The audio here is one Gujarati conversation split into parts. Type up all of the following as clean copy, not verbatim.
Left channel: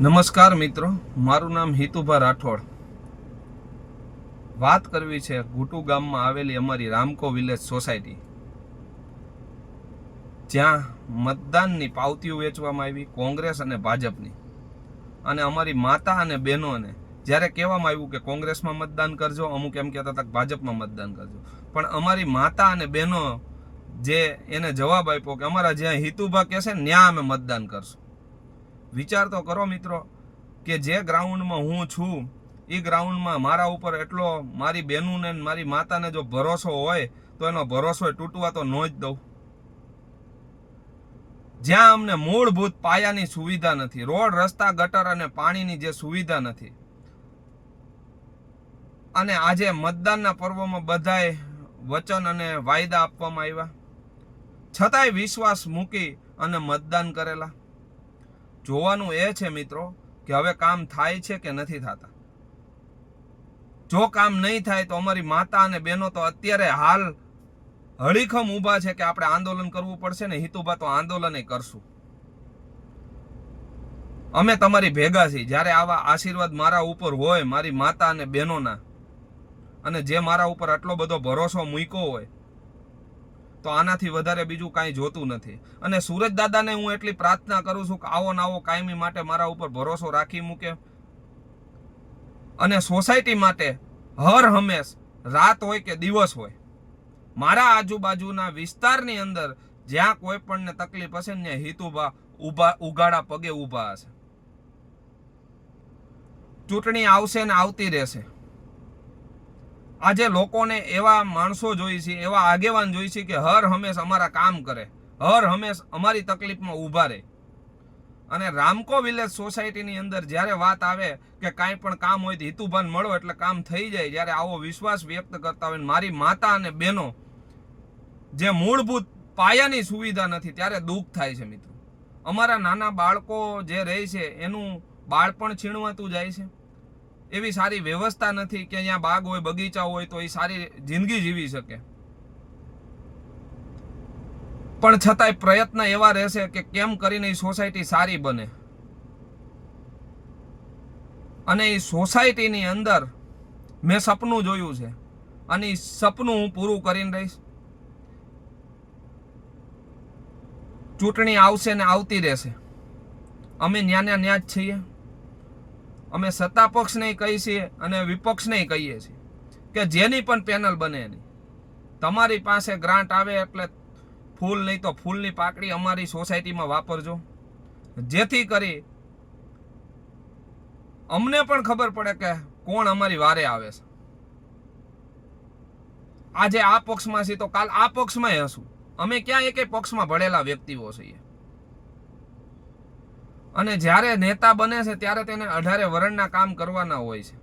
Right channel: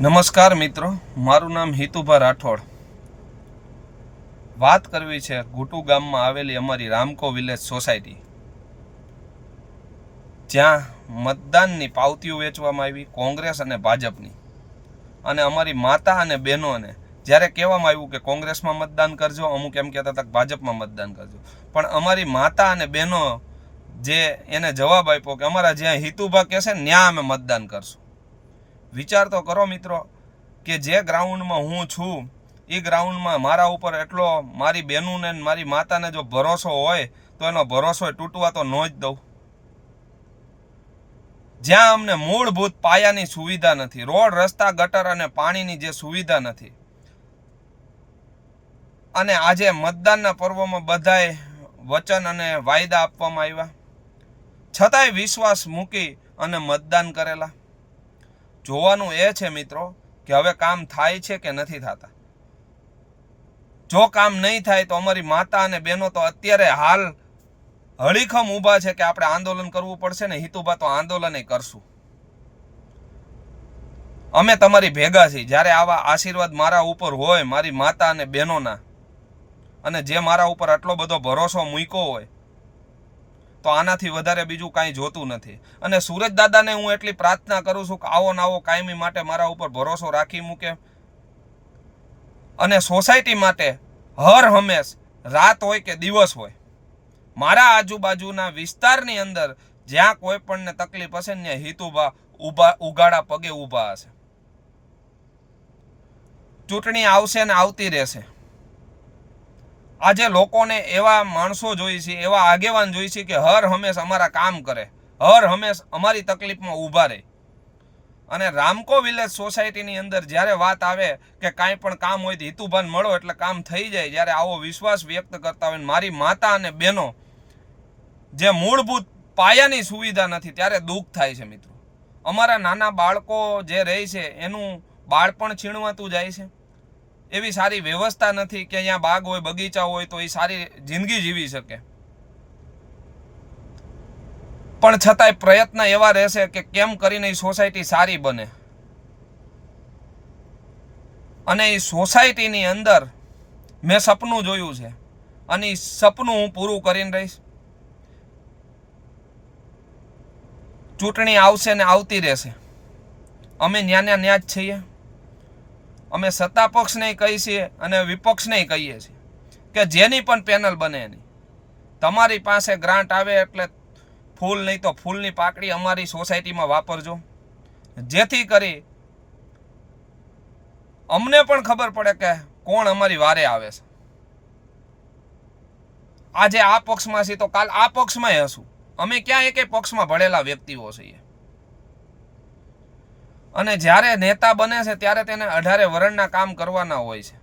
નમસ્કાર મિત્રો, મારું નામ હિતુભા રાઠોડ. વાત કરવી છે ઘુટુ ગામમાં આવેલી અમારી રામકો વિલેજ સોસાયટી, જ્યાં મતદાનની પાવતીઓ વેચવામાં આવી કોંગ્રેસ અને ભાજપની. અને અમારી માતા અને બહેનોને જ્યારે કહેવામાં આવ્યું કે કોંગ્રેસમાં મતદાન કરજો, અમુક એમ કહેતા હતા કે ભાજપમાં મતદાન કરજો, પણ અમારી માતા અને બહેનો એને જવાબ આપ્યો કે અમારા જ્યાં હિતુભા કહેશે ને ત્યાં અમે મતદાન કરશું. વિચાર તો કરો મિત્રો કે જે ગ્રાઉન્ડમાં હું છું એ ગ્રાઉન્ડમાં મારા ઉપર એટલો મારી બહેનોને મારી માતાને જો ભરોસો હોય તો એનો ભરોસો તૂટવા તો ન જ દઉં. જ્યાં અમને મૂળભૂત પાયાની સુવિધા નથી, રોડ રસ્તા ગટર અને પાણીની જે સુવિધા નથી, અને આજે મતદાનના પર્વમાં બધાએ વચન અને વાયદા આપવામાં આવ્યા છતાંય વિશ્વાસ મૂકી અને મતદાન કરેલા. જોવાનું એ છે મિત્રો કે હવે કામ થાય છે કે નથી થતા. જો કામ નહીં થાય તો અમારી માતા અને બહેનો તો અત્યારે હાલ હળીખમ ઊભા છે કે આપણે આંદોલન કરવું પડશે ને હિતુભા તો આંદોલન કરશું. અમે તમારી ભેગા છીએ. જ્યારે આવા આશીર્વાદ મારા ઉપર હોય, મારી માતા અને બહેનોના, અને જે મારા ઉપર આટલો બધો ભરોસો મૂક્યો હોય, તો આનાથી વધારે બીજું કાંઈ જોતું નથી. અને સુરજ દાદાને હું એટલી પ્રાર્થના કરું છું કે આવો ને આવો કાયમી માટે મારા ઉપર ભરોસો રાખી મૂકે, અને સોસાયટી માટે હર હંમેશ રાત હોય કે દિવસ હોય, મારા આજુબાજુના વિસ્તારની અંદર જ્યાં કોઈ પણને તકલીફ હશે ને ત્યાં હિતુભા ઉગાડા પગે ઊભા હશે. ચૂંટણી આવશે ને આવતી રહેશે. આજે લોકોને એવા માણસો જોઈ છે, એવા આગેવાન જોઈ છે કે હર હંમેશ અમારા કામ કરે, હર હંમેશ અમારી તકલીફમાં ઊભા રહે. અને રામકો વિલેજ સોસાયટીની અંદર જ્યારે વાત આવે કે કાંઈ પણ કામ હોય તો હિતુભાને મળો એટલે કામ થઈ જાય, જ્યારે આવો વિશ્વાસ વ્યક્ત કરતા હોય મારી માતા અને બહેનો જે મૂળભૂત પાયાની સુવિધા નથી, ત્યારે દુઃખ થાય છે મિત્રો. અમારા નાના બાળકો જે રહે છે એનું બાળપણ છીણવાતું જાય છે. એવી સારી વ્યવસ્થા નથી કે અહીંયા બાગ હોય, બગીચા હોય તો એ સારી જિંદગી જીવી શકે. પણ છતાંય પ્રયત્ન એવા રહેશે કે કેમ કરીને એ સોસાયટી સારી બને. અને એ સોસાયટીની અંદર મેં સપનું જોયું છે અને એ સપનું હું પૂરું કરીને રહીશ. ચૂંટણી આવશે ને આવતી રહેશે. અમે ન્યા જ છીએ. અમે સત્તા પક્ષને કહીએ છીએ અને વિપક્ષને કહીએ છીએ કે જેની પણ પેનલ બને એની, તમારી પાસે ગ્રાન્ટ આવે એટલે ફૂલ નહીં તો ફૂલની પાકડી અમારી સોસાયટીમાં વાપરજો, જેથી કરી અમને પણ ખબર પડે કે કોણ અમારી વારે આવે છે. આજે આ પક્ષમાં છીએ તો કાલ આ પક્ષમાં હશું. અમે ક્યાં એકે પક્ષમાં ભળેલા વ્યક્તિઓ છીએ. અને જ્યારે નેતા બને છે ત્યારે તેને 18 વર્ષના કામ કરવાના હોય છે.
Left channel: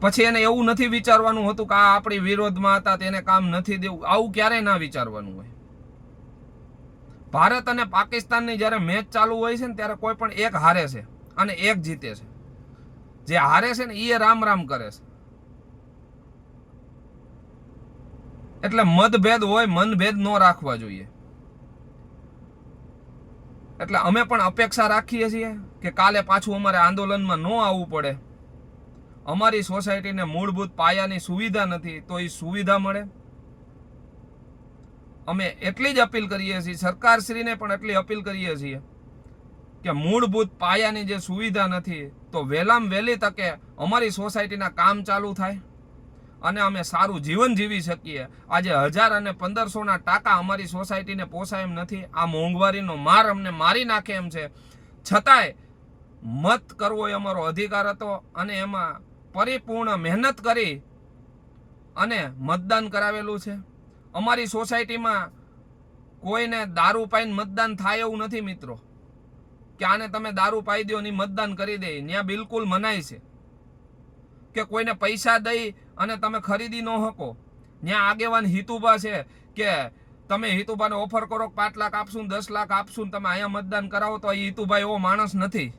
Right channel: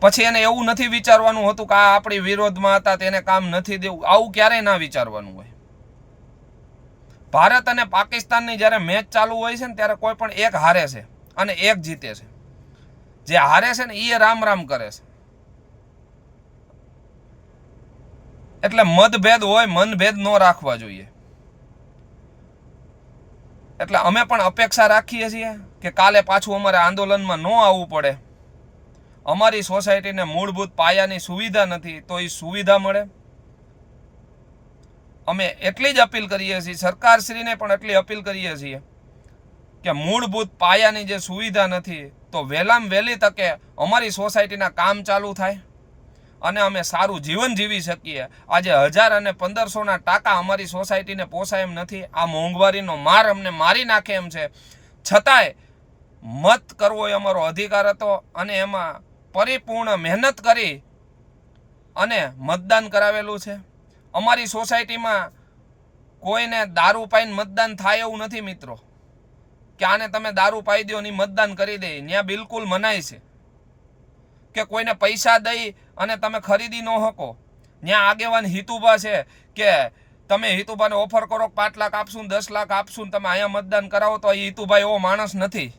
પછી એને એવું નથી વિચારવાનું હતું કે આ આપણી વિરોધમાં હતા તેને કામ નથી દેવું. આવું ક્યારેય ના વિચારવાનું હોય. ભારત અને પાકિસ્તાનની જ્યારે મેચ ચાલુ હોય છે ને ત્યારે કોઈ પણ એક હારે છે અને એક જીતે છે. જે હારે છે ને એ રામ રામ કરે છે. એટલે મતભેદ હોય, મનભેદ ન રાખવા જોઈએ. એટલે અમે પણ અપેક્ષા રાખીએ છીએ કે કાલે પાછું અમારે આંદોલનમાં ન આવવું પડે. અમારી સોસાયટીને મૂળભૂત પાયાની સુવિધા નથી તો એ સુવિધા મળે. અમે એટલી જ અપીલ કરીએ છીએ, સરકારશ્રીને પણ એટલી અપીલ કરીએ છીએ કે મૂળભૂત પાયાની જે સુવિધા નથી તો વહેલામાં વહેલી તકે અમારી સોસાયટીના કામ ચાલુ થાય અને અમે સારું જીવન જીવી શકીએ. આજે 1000 અને 1500ના ટાકા અમારી સોસાયટીને પોસાય એમ નથી. આ મોંઘવારીનો માર અમને મારી નાખે એમ છે. છતાંય મત કરવો એ અમારો અધિકાર હતો અને એમાં પરિપૂર્ણ મહેનત કરી અને મતદાન કરાવેલું છે. અમારી સોસાયટીમાં કોઈને દારૂ પાઈને મતદાન થાય એવું નથી મિત્રો, કે આને તમે દારૂ પાઈ દો ને મતદાન કરી દે. ત્યાં બિલકુલ મનાય છે કે કોઈને પૈસા દઈ અને તમે ખરીદી ન શકો. ત્યાં આગેવાન હિતુભા છે કે તમે હિતુભાને ઓફર કરો 5 લાખ આપશું, 10 લાખ આપશું, તમે અહીંયા મતદાન કરાવો. તો એ હિતુભાઈ એવો માણસ નથી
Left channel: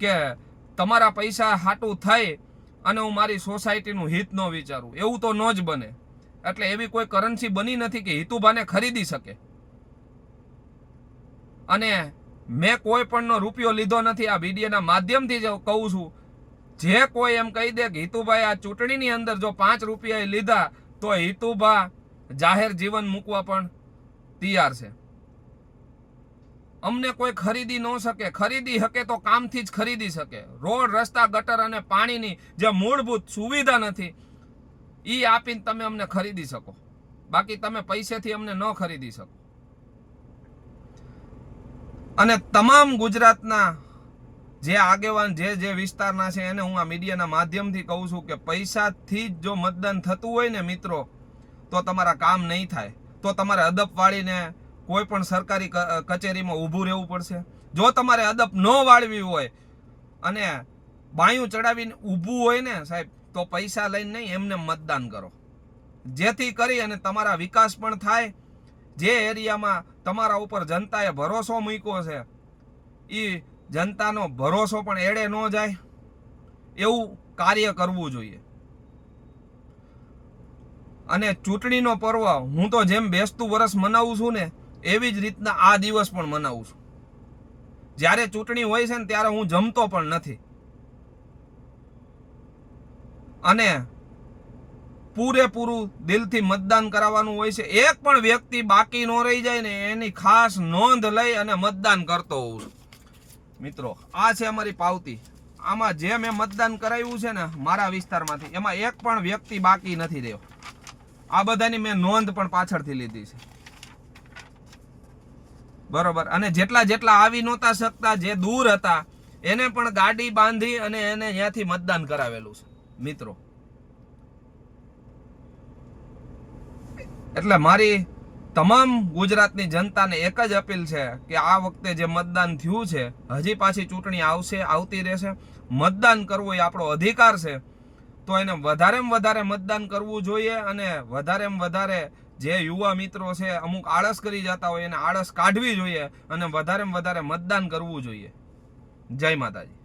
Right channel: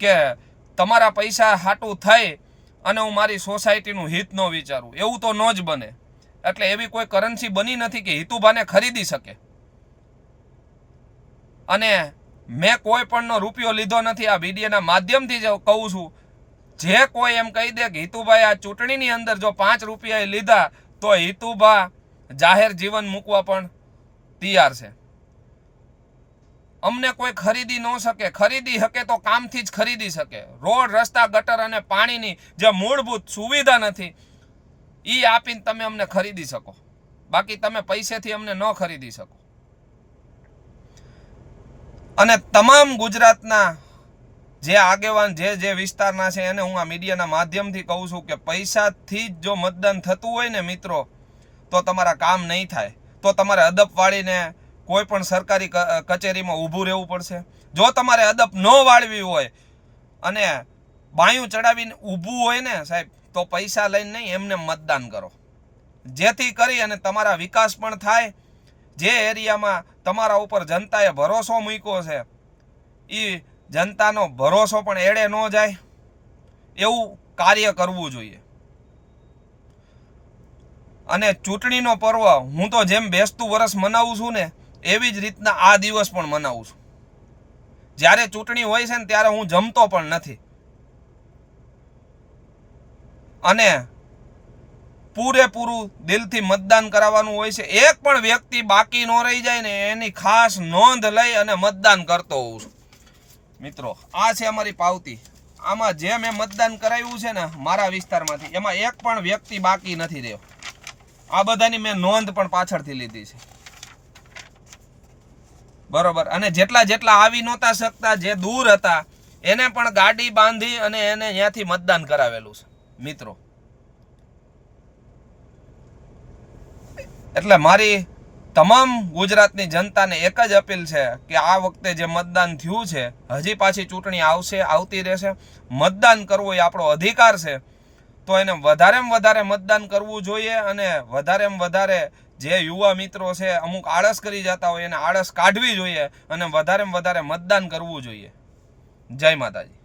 કે તમારા પૈસા હાટું થઈ અને હું મારી સોસાયટીનું હિત ન વિચારું. એવું તો ન જ બને. એટલે એવી કોઈ કરન્સી બની નથી કે હિતુભાને ખરીદી શકે. અને મેં કોઈ પણનો રૂપિયો લીધો નથી. આ વિડીયોના માધ્યમથી જ કહું છું, જે કોઈ એમ કહી દે કે હિતુભાઈ આ ચૂંટણીની અંદર જો 5 રૂપિયા લીધા તો હિતુભા જાહેર જીવન મૂકવા પણ તૈયાર છે. અમને કોઈ ખરીદી ન શકે, ખરીદી શકે તો કામથી જ ખરીદી શકે. રોડ, રસ્તા, ગટર અને પાણીની જે મૂળભૂત સુવિધા નથી એ આપીને તમે અમને ખરીદી શકો, બાકી તમે પૈસેથી અમને ન ખરીદી શકો. અને તમામ ગુજરાતના જે આગેવાન જે વિસ્તારના છે એને હું આ મીડિયાના માધ્યમથી કહું છું કે પૈસાથી જ જો મતદાન થતું હોય ને મિત્રો, તો તમારા કામ નહીં થાય. તો તમારે અદપ વાળીને કોઈ પણ સરકારી કચેરીમાં ઊભું રહેવું પડશે. જો તમારે અદપ ન વાળવી હોય અને બાયું ચડાવીને ઊભું હોય ને સાહેબ, તો પૈસા લઈને નહીં, એમને મતદાન કરો, જેથી કરી અને તમારા વિકાસ પણ થાય. જે એરિયામાં તમારા ઉપર જનતાએ ભરોસો મૂક્યો છે એ જનતાનો ભરોસો પણ એડે ન જાય, એવું કાર્ય કરવું જોઈએ. અને ચૂંટણીનો પર્વ હું તો જેમ બેસતું વરસ મનાવું છું ને એવી જ રીતના આ દિવસ પણ મનાવું છું. જ્યારે ચૂંટણી હોય છે ને ત્યારે હું જમતો પણ નથી અને પૂરેપૂરું દિલથી મતદાન કરાવવાનું હોય છે. એક પણ વ્યક્તિ બાકી ન રહી જાય ને એની ખાસ નોંધ લઈ અને મતદાન કરતો હોઉં છું. મિત્રો, આ છે અમારી પાવતી. આમાં જે મેં મતદાન કરાવ્યું છે ને મારા વિસ્તારમાંથી, એમાં એક પણ વ્યક્તિ બાકી નથી રહ્યો. આ બધાની મેં નોંધ પણ પાછળથી લીધી છે, બરોબર. અને જેટલા આવી નહોતા શકતા, જે દૂર હતા, એને પણ ગાડી બાંધી અને એને ત્યાંથી મતદાન કરાવેલું છે મિત્રો. એટલે મારી તમામ ગુજરાતની જનતાને એક જ અપીલ છે કે આ વખતે જે મતદાન થયું છે, હજી પાછી ચૂંટણી આવશે, આવતી રહેશે. મતદાન કરવું એ આપણો અધિકાર છે, તો એને વધારેમાં વધારે મતદાન કરવું જોઈએ. અને વધારેમાં વધારે જે યુવા મિત્રો છે અમુક આળસ કરી જતા હોય એને આળસ કાઢવી જોઈએ અને વધારેમાં વધારે મતદાન કરવું જોઈએ. જય માતાજી.